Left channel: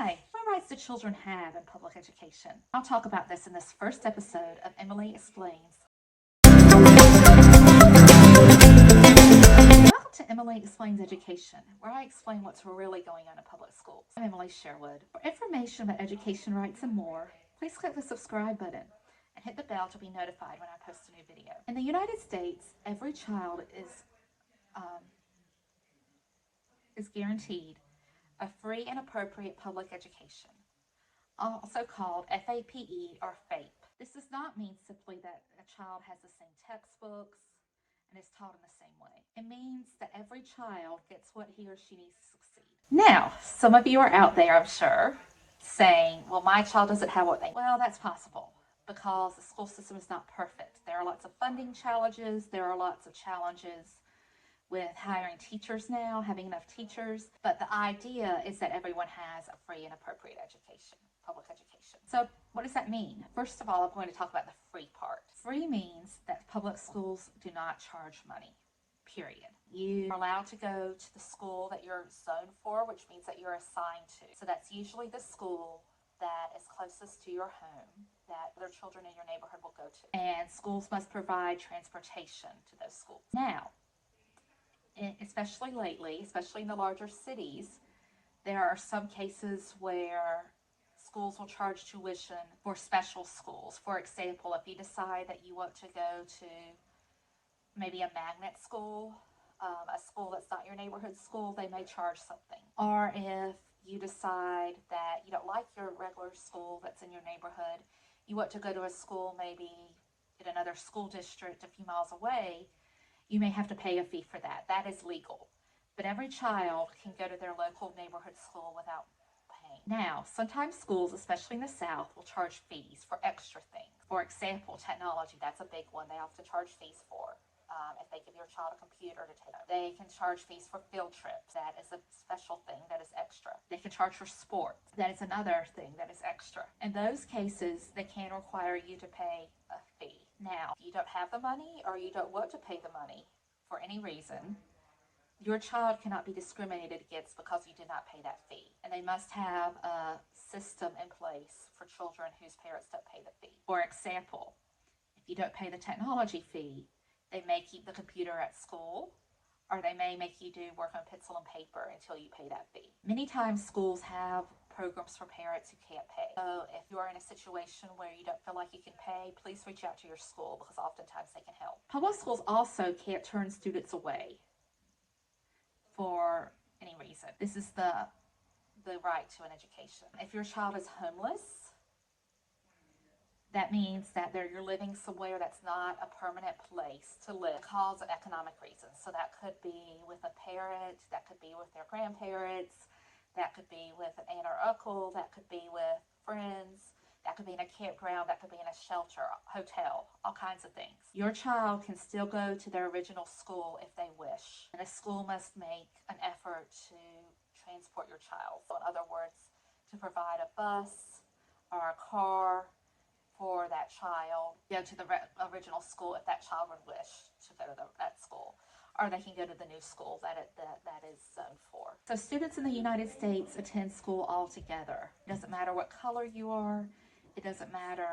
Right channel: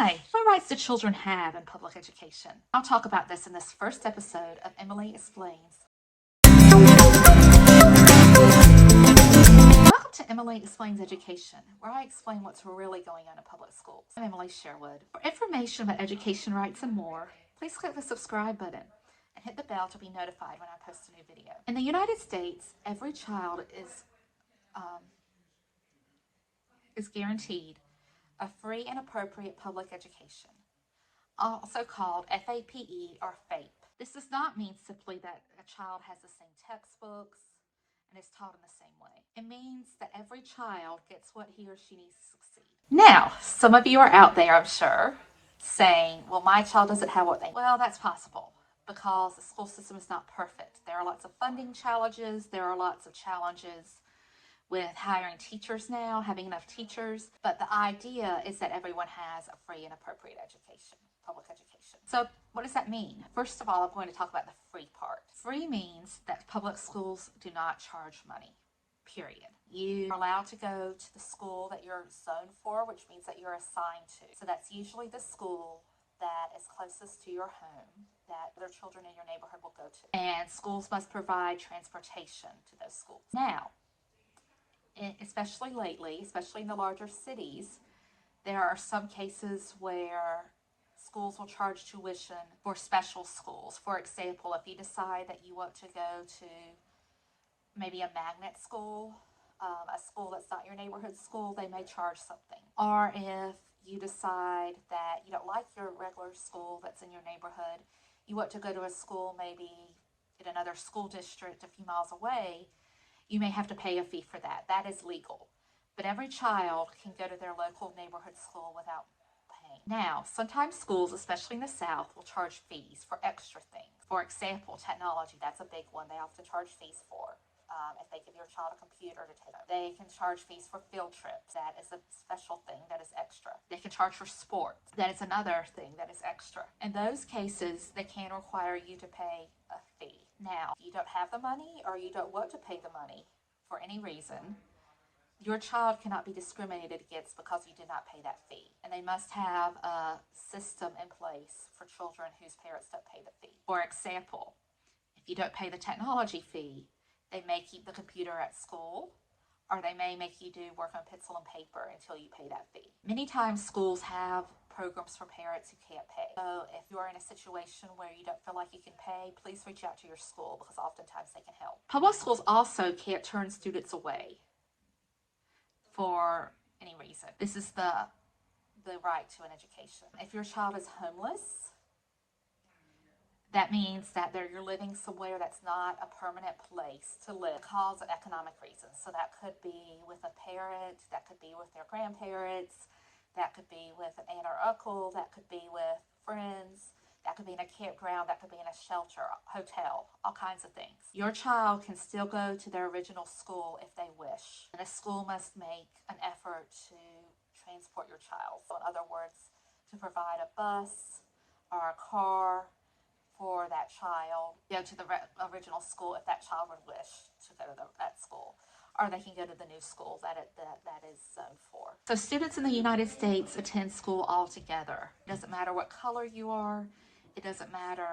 Hi, what rights do children have in public education? I'll talk about this in this first episode of Emily Explains. Welcome to Emily Explains Education, where I explain what's really going on in public schools. I'm Emily Sherwood. For information about education rights and more, please click the subscribe button and hit the bell to be notified when I post a new video. In the United States, every child is guaranteed a free and appropriate public education, also called FAPE or FAPE. This does not mean simply that a child has the same textbooks and is taught in the same way. It means that every child gets what he or she needs to succeed. Now, some of you are out there, I'm sure, saying, well, my child doesn't have what they need. Well, that's possible because the school system is not perfect. There are lots of funding challenges. There are lots of challenges with hiring teachers now, having enough teachers. But the idea is that everyone has a free and appropriate education, public education. So what does that mean? First of all, I'm going to talk about the free part. Free means that public schools do not charge money, period. You are allowed to go to the school that you're zoned for, which means that you're assigned to. So that's usually the school that is closest to your home that other children in your neighborhood will go to. And schools must provide transportation to those schools. Now, especially lately, especially in the larger cities, there are some cases where schools will charge tuition for special schools. For example, if you decide that you want to go to maybe a magnet school, a school that's not your neighborhood school, they may charge something. Or if you decide that you don't like your regular school that's in your neighborhood, you want to go to a school maybe in another school district a few miles away, you may have to pay a fee for that. That is legal. But every child can go to their local neighborhood school without paying. Now, sometimes schools, especially in the South, will charge fees for extra things. For example, technology, that's a big one they often charge fees for. If they give your child a computer to take, they can charge fees for field trips. That is a special thing that is extra. They can charge for sports. That is another thing that is extra. In those cases, they can require you to pay a fee. Now, if you don't have the money or you don't want to pay the money for any reason, your child cannot be discriminated against because you did not pay that fee. And they must have a system in place for children whose parents don't pay the fee. For example, if you don't pay the technology fee, they may keep the computer at school, or they may make you do work on pencil and paper until you pay that fee. Many times schools have programs for parents who can't pay. So if you're in a situation where you don't feel like you can pay, please reach out to your school because oftentimes they can help. Public schools also can't turn students away for any reason. This is the right to an education. If your child is homeless, that means that you're living somewhere that's not a permanent place to live because of economic reasons. So that could be with a parent, that could be with their grandparents, that could be with an aunt or uncle, that could be with friends, that could be in a campground, that could be in a shelter, hotel, all kinds of things. Your child can still go to their original school if they wish. And a school must make an effort to transport your child. So in other words, to provide a bus or a car for that child, go to the original school if that child would wish to go to that school, or they can go to the new school that is zoned for. So students in the United States attend school all together. It doesn't matter what color you are. It doesn't matter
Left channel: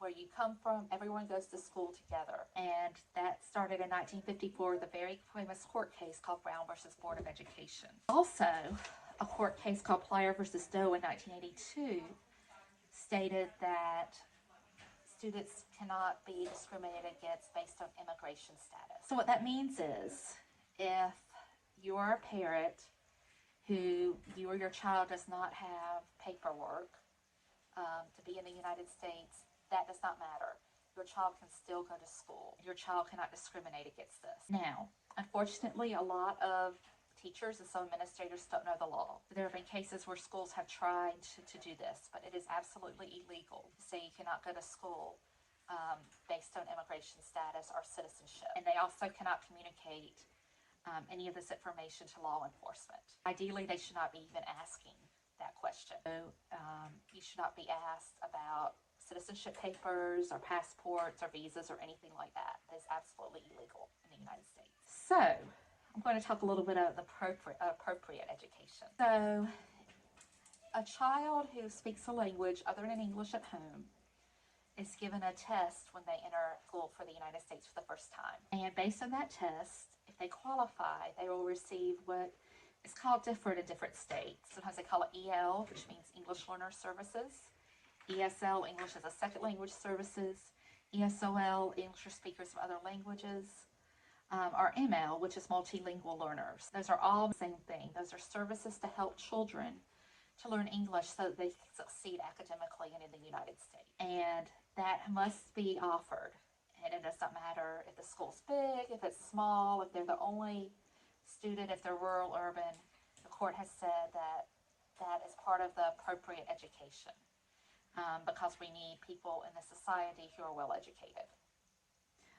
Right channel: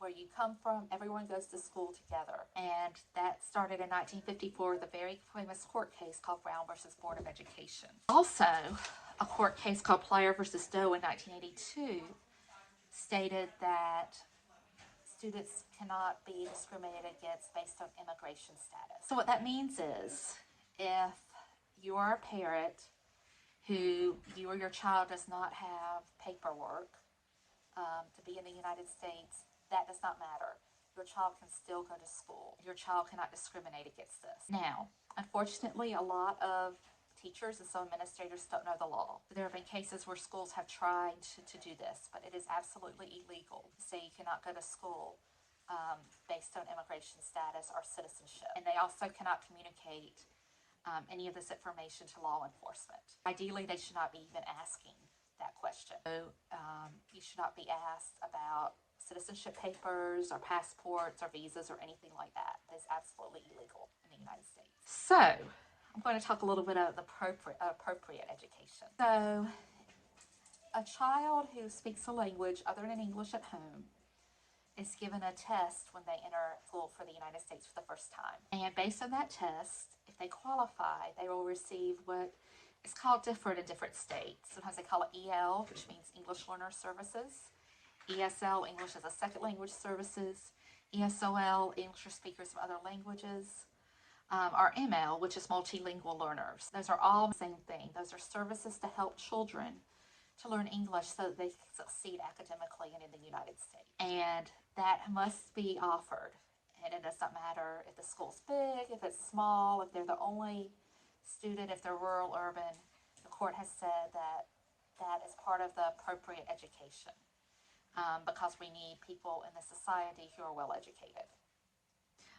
where you come from. Everyone goes to school together. And that started in 1954, the very famous court case called Brown versus Board of Education. Also, a court case called Plyer versus Doe in 1982 stated that students cannot be discriminated against based on immigration status. So what that means is if you are a parent who you or your child does not have paperwork to be in the United States, that does not matter. Your child can still go to school. Your child cannot discriminate against this. Now, unfortunately, a lot of teachers and some administrators don't know the law. There have been cases where schools have tried to do this, but it is absolutely illegal to say you cannot go to school based on immigration status or citizenship. And they also cannot communicate any of this information to law enforcement. Ideally, they should not be even asking that question. So you should not be asked about citizenship papers or passports or visas or anything like that. It is absolutely illegal in the United States. So I'm going to talk a little bit about the appropriate education. So A child who speaks a language other than English at home is given a test when they enter school for the United States for the first time. And based on that test, if they qualify, they will receive what is called different in different states. Sometimes they call it EL, which means English Learner Services. ESL, English as a Second Language Services. ESOL, English for speakers of other languages. Or ML, which is multilingual learners. Those are all the same thing. Those are services to help children to learn English so that they can succeed academically and in the United States. And that must be offered. And it does not matter if the school's big, if it's small, if they're the only student, if they're rural, urban. The court has said that that is part of the appropriate education because we need people in the society who are well educated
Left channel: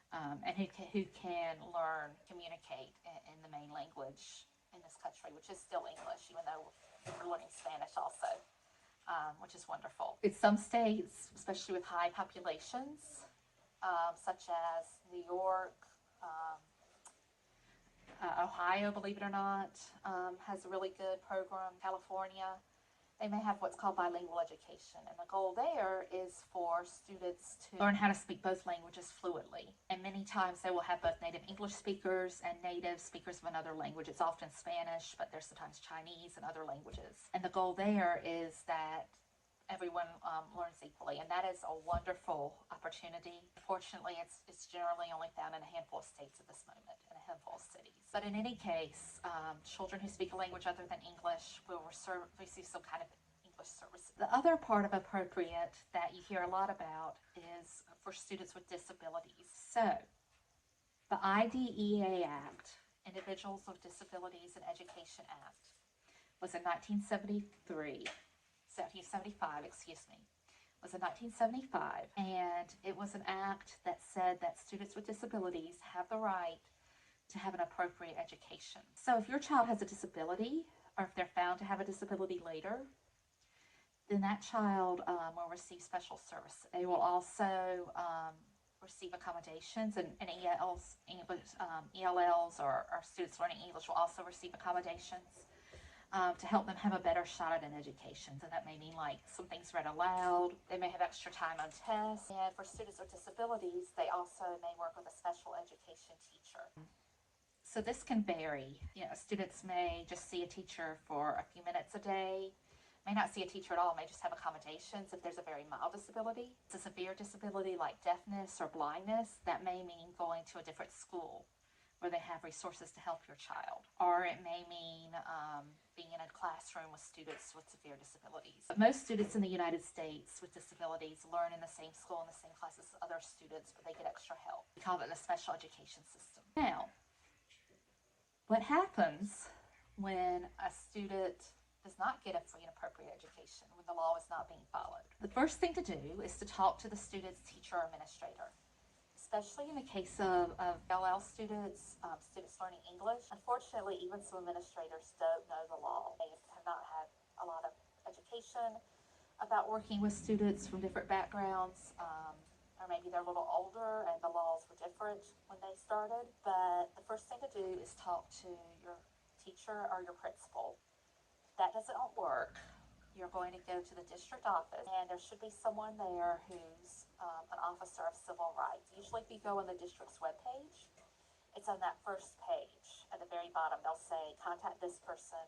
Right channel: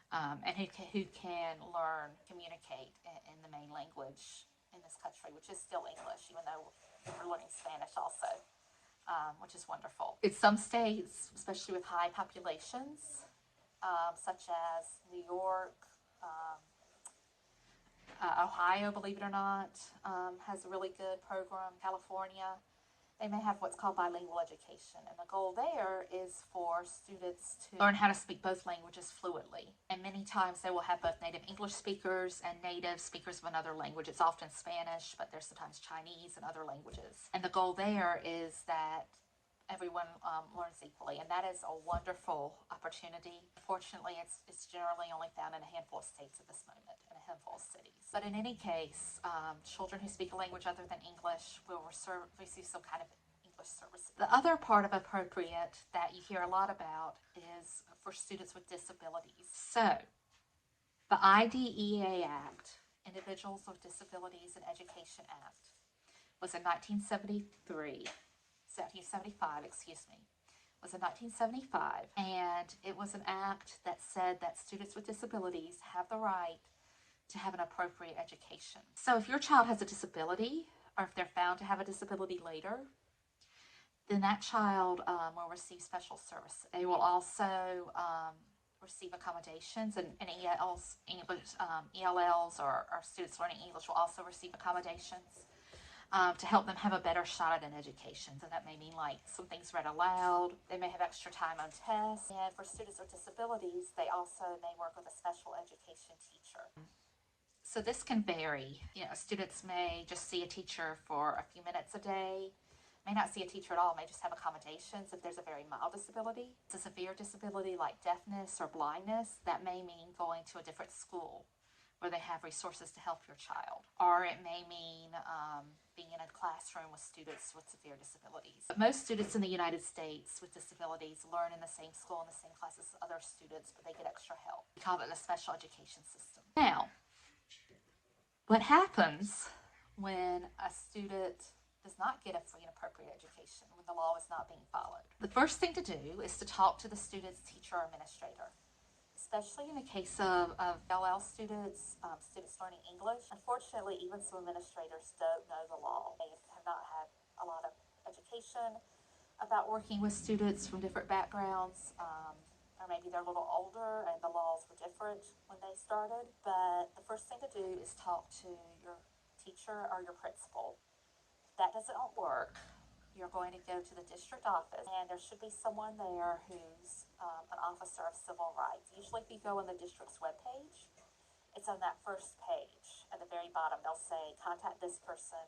and who can learn, communicate in the main language in this country, which is still English, even though we're learning Spanish also, which is wonderful. In some states, especially with high populations, such as New York, Ohio, believe it or not, has a really good program. California, they may have what's called bilingual education. And the goal there is for students to learn how to speak both languages fluently. And many times they will have both native English speakers and native speakers of another language. It's often Spanish, but there's sometimes Chinese and other languages. And the goal there is that everyone learns equally, and that is a wonderful opportunity. Fortunately, it's generally only found in a handful of states at this moment, in a handful of cities. But in any case, children who speak a language other than English will receive some kind of English services. The other part of appropriate that you hear a lot about is for students with disabilities. So, the IDEA Act, Individuals with Disabilities in Education Act, was in 1775, was in 1975, and it was an act that said that students with disabilities have the right to have an appropriate education. So if your child has a disability, or if they're found to have a disability later, then that child will receive special services. They will also receive accommodations, and ELLs, ELLs or students learning English will also receive accommodations to help them have a better shot at an education. So that may mean like some things read aloud. They may have extra time on tests. And for students with disabilities, they also may work with a special education teacher. So this can vary. Students may just see a teacher for a few minutes a day, may not see a teacher at all, may just have accommodations if there's a very mild disability. It's a severe disability like deafness or blindness, that may mean going to a different school where they have resources to help your child. Or it may mean being in a classroom with students with severe disabilities. But most students in the United States with disabilities learn in the same school, in the same class as other students, but they get extra help. We call it the special education system. Now, what happens when a student does not get a free and appropriate education, when the law is not being followed? The first thing to do is to talk to the student's teacher or administrator. Especially in the case of LL students, students learning English. Unfortunately, even some administrators don't know the law. They have not had a lot of education about working with students from different backgrounds, or maybe they're a little older and the laws were different when they started. But the first thing to do is talk to your teacher or your principal. If that doesn't work, you're going to go to the district office, and there should be someone there who's an officer of civil rights. Usually if you go on the district's webpage, it's on that first page. At the very bottom, they'll say, contact this person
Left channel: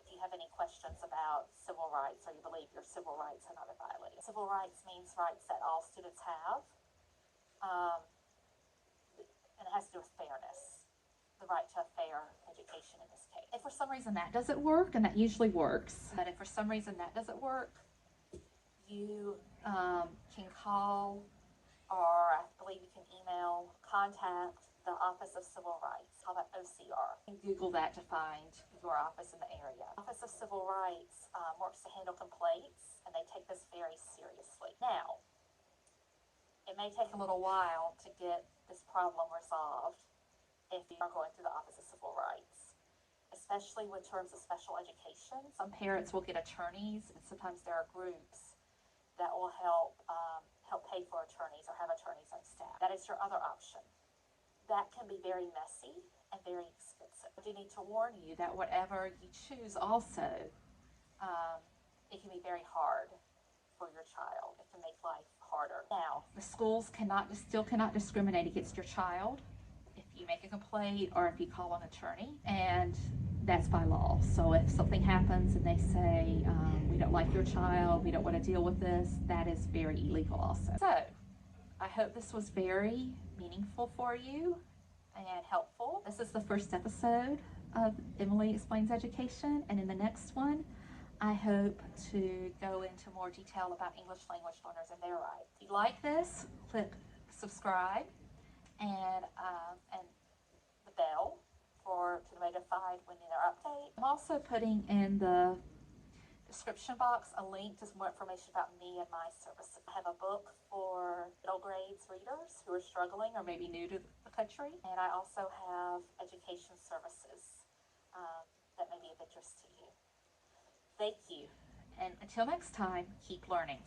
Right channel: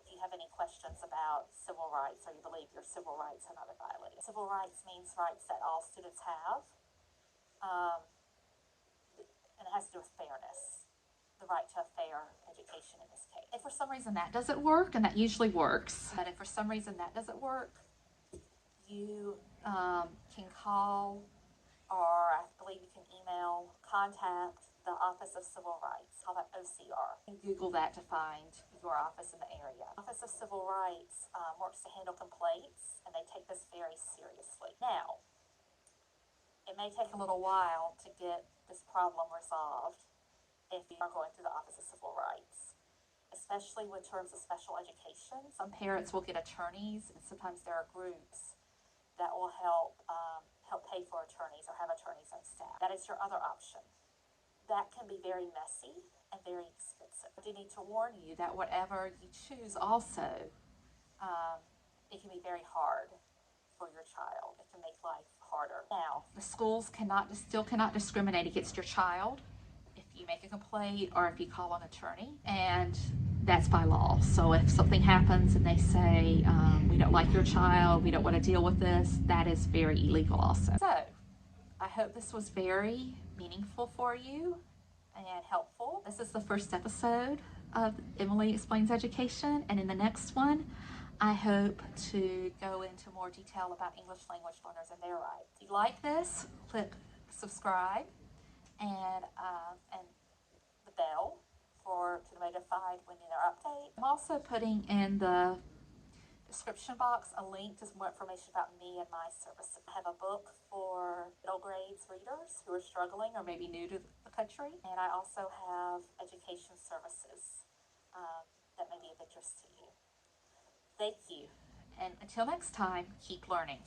if you have any questions about civil rights or you believe your civil rights are not violated. Civil rights means rights that all students have, and it has to do with fairness, the right to a fair education in this case. If for some reason that doesn't work, and that usually works, but if for some reason that doesn't work, you can call, or I believe you can email, contact the Office of Civil Rights, call that OCR. You can Google that to find your office in the area. Office of Civil Rights works to handle complaints, and they take this very seriously. Now, it may take a little while to get this problem resolved if you are going through the Office of Civil Rights, especially with terms of special education. Some parents will get attorneys, and sometimes there are groups that will help pay for attorneys or have attorneys on staff. That is your other option. That can be very messy and very expensive. I do need to warn you that whatever you choose also, it can life harder. Now, the schools still cannot discriminate against your child if you make a complaint or if you call an attorney, and that's by law. So if something happens and they say, we don't like your child, we don't want to deal with this, that is very illegal also. So I hope this was very meaningful for you and helpful. This is the first episode of Emily Explains Education, and in the next one, I hope to go into more detail about English language learners and their rights. If you like this, click subscribe and the bell to be notified when there are updates. I'm also putting in the description box a link to some more information about me and my services. I have a book for middle grades readers who are struggling or maybe new to the country, and I also have education services that may be of interest to you. Thank you, and until next time, keep learning.